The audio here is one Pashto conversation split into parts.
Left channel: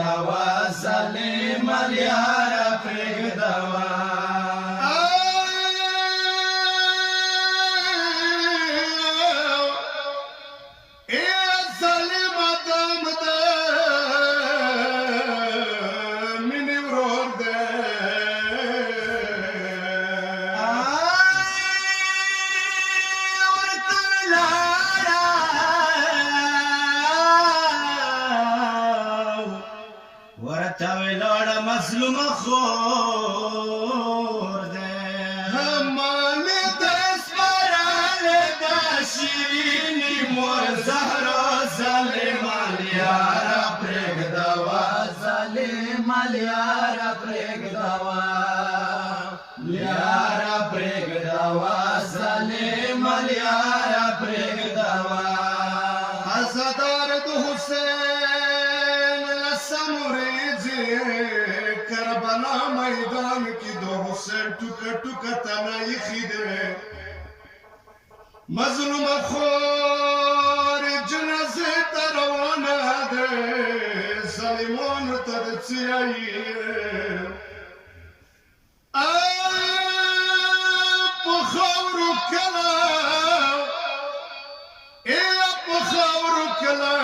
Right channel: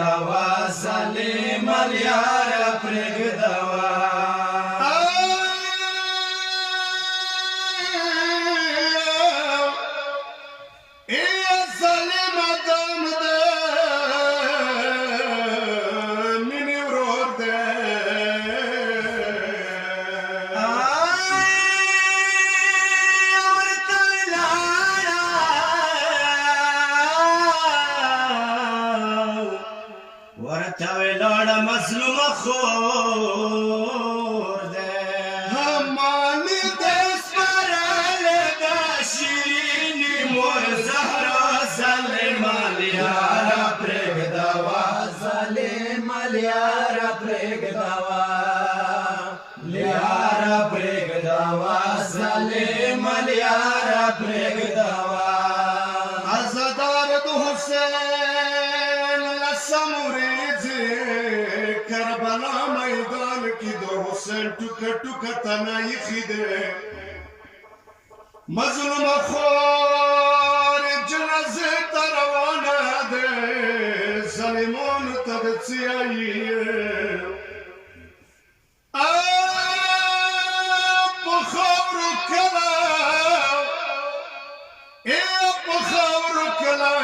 پرېږدوا ظالم یاره پرېږدوا مظلوم خور ده همانی دست برال دا شیرینی مور زهرا ظالم یارا پرېږدوا ظالم یارا پرېږدوا یارا پرېږدوا ظالم یارا پرېږدوا عزادار د حسین لسم کربلا میدان کی دو حسین ٹکا ٹکا تنائی خیدے مظلوم خور جنازے تروانا دے ظالمان تدچی آئی پخور کلا پخور کلا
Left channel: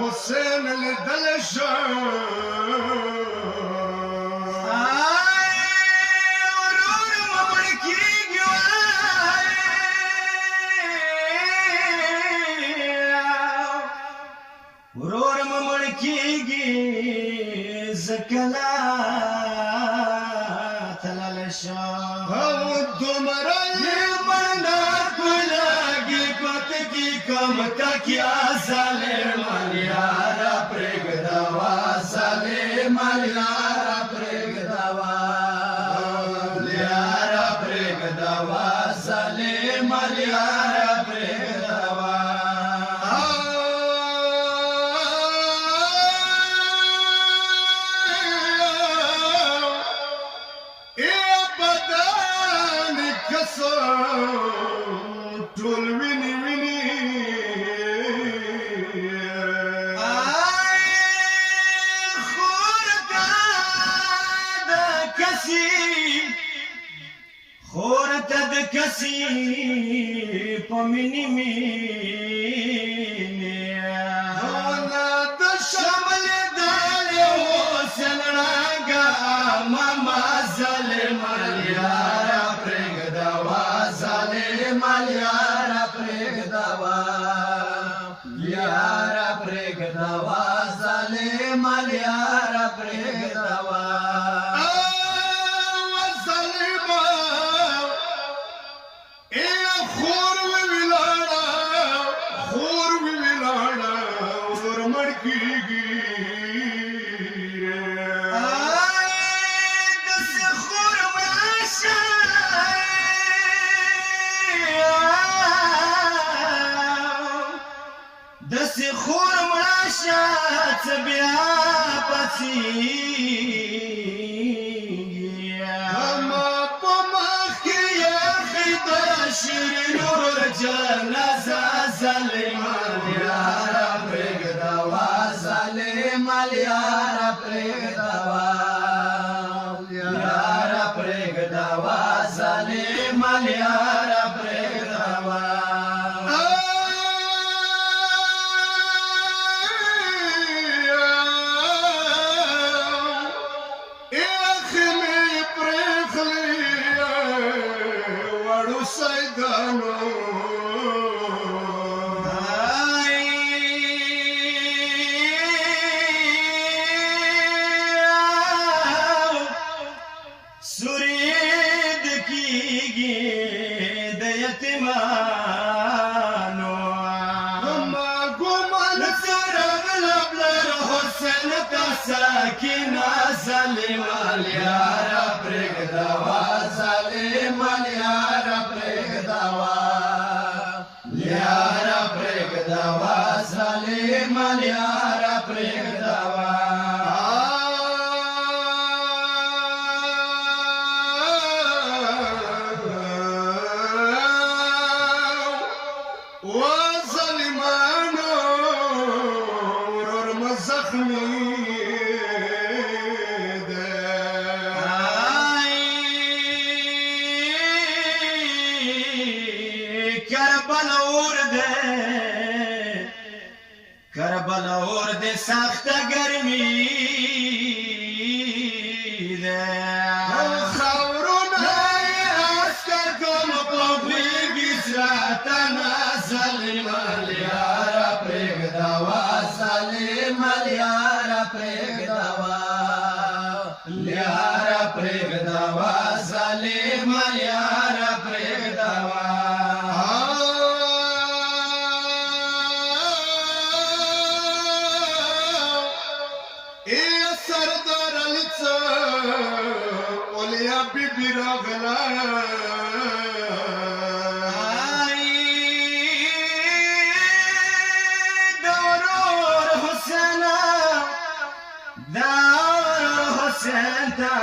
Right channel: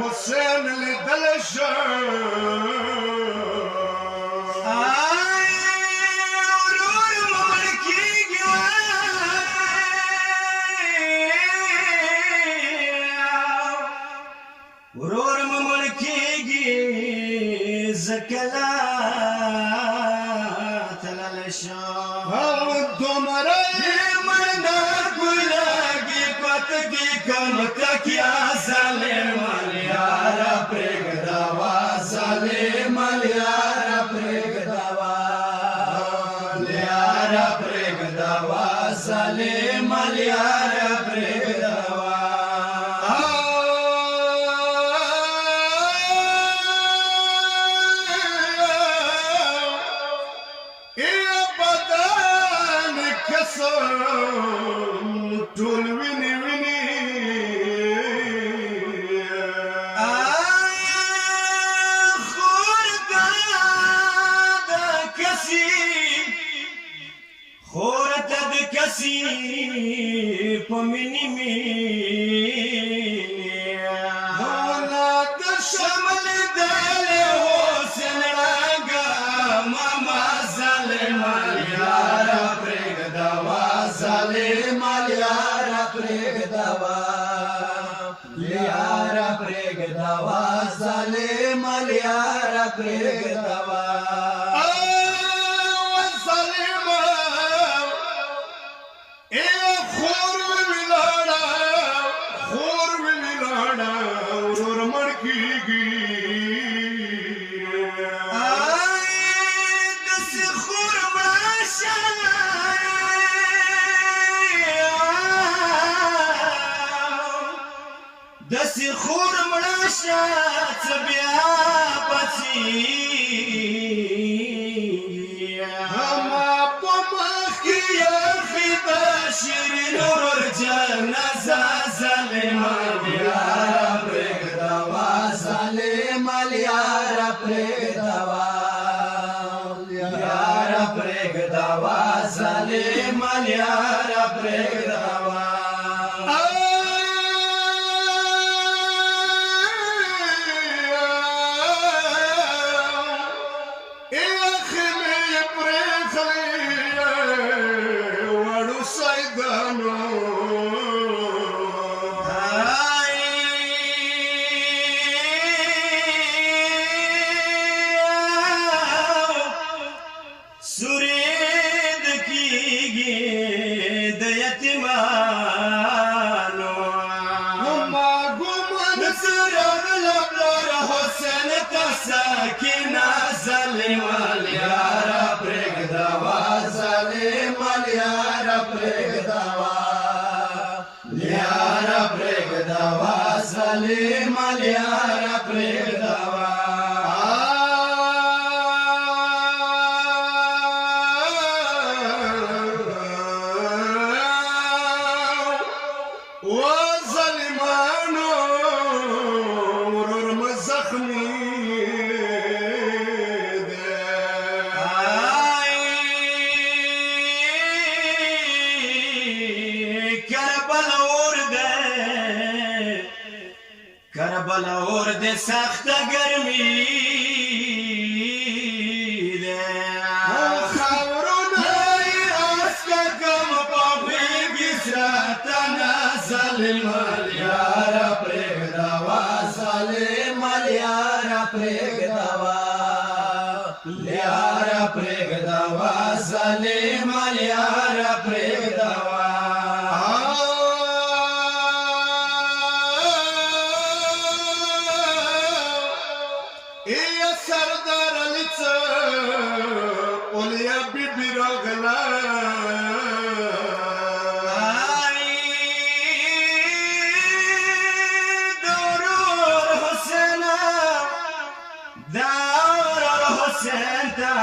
حسین لدل شان ورور ممړ کېږي زکلا تلل شم دومره یې مړه ګلګي پتګي کم تکیا ظالم یاره پرېږدوا ظالم یاره پرېږدوا یاره پرېږدوا ظالم یاره پرېږدوا ټول ویني ویني خور ته د کسي په مینې مینې د شمل دل حسین راګه ماما ظالم یاره پرېږدوا ظالم یاره پرېږدوا یاره پرېږدوا ظالم یاره پرېږدوا دسی خور مړه شه څه بیا پڅېږي زما په مخ کې یخې د شیرین ورور جنازه ظالم یاره پرېږدوا ظالم یاره پرېږدوا یاره پرېږدوا ظالم یاره پرېږدوا سورید کیږي د یتیمانو ګمان سره لبلر حسین ته سکینه ظالم یاره پرېږدوا ظالم یاره پرېږدوا یاره پرېږدوا ظالم یاره پرېږدوا ظالمانو ورور مزخمي دې سخته ګرمي ده خاورونه یې اسکه کم په غېږې ساتنه ظالمه یاره پرېږدوه ظالمه یاره پرېږدوه یاره پرېږدوه ظالمه یاره پرېږدوه سردار علی څه اولیا بیبي راغله د ورور حسین ته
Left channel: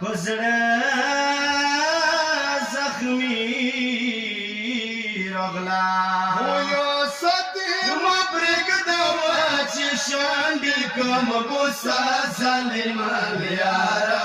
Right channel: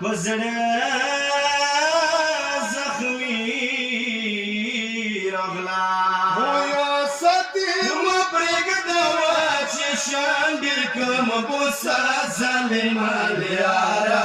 په زړه زخمي راغله شاندل کم بوسا ظالمان یارا